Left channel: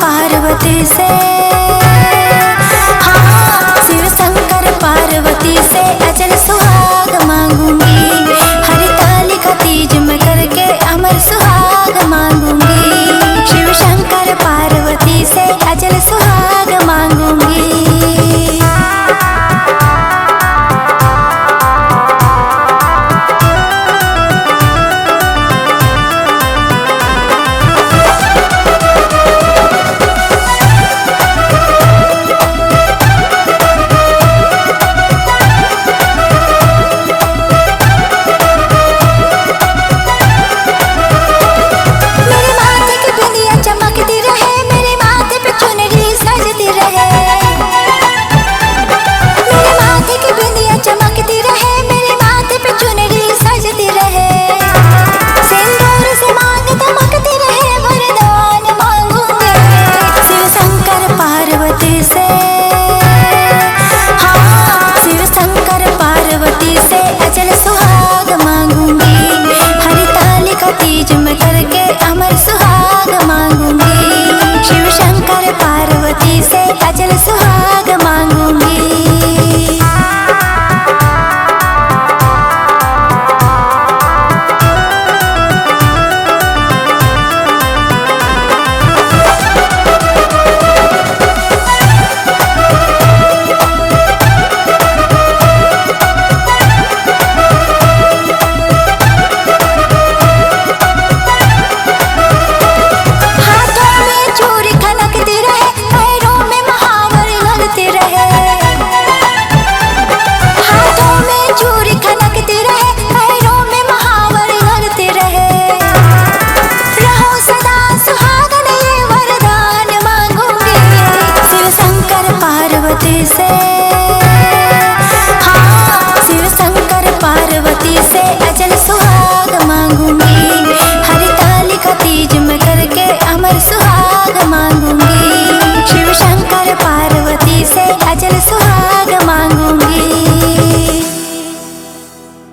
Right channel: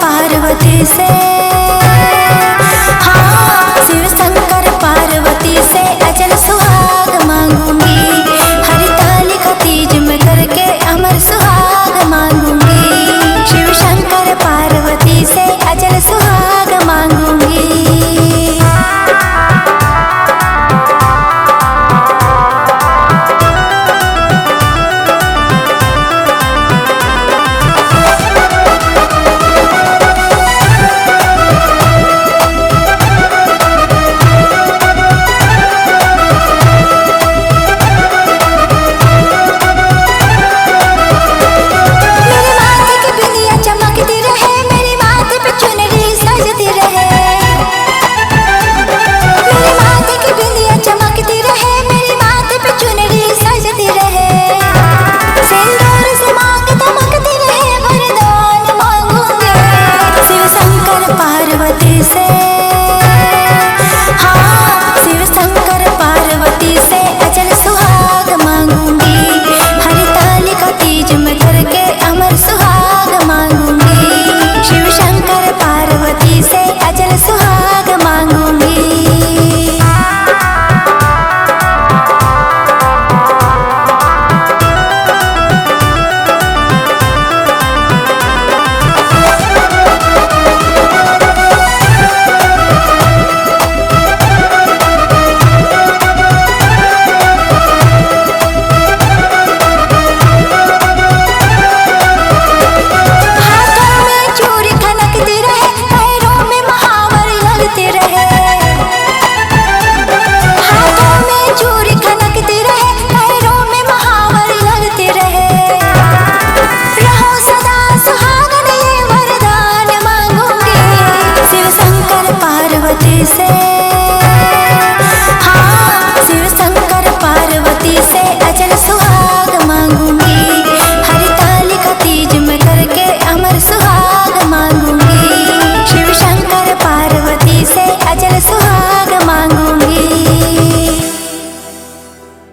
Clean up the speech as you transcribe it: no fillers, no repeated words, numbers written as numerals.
पार्वती से, हाँ, शिव शंकर पार्वती से अचल सुहाग मांगूंगी। हरितालिका तीज में करके अमर सुहाग मांगूंगी। शिव शंकर पार्वती से अचल सुहाग मांगूंगी। चमकती रहे मेरे माथे पे चुनरी सजती रहे। मेरे माथे की बिंदिया चमकती रहे, मेरे माथे पे चुनरी सजती रहे। सिंदूर से मांग दमकती रहे, वरदान मांगूंगे। शिव शंकर पार्वती से, हाँ, शिव शंकर पार्वती से अचल सुहाग मांगूंगी। हरितालिका तीज में करके अमर सुहाग मांगूंगी। शिव शंकर पार्वती से अचल सुहाग मांगूंगी। हाथों में चूड़ी खनकती रहे, पैरों में महावर लगते रहे। रहो सदा सुहागन ये वरदान मांगूंगी। शिव शंकर पार्वती से, हाँ, शिव शंकर पार्वती से अचल सुहाग मांगूंगी। हरितालिका तीज में करके अमर सुहाग मांगूंगी।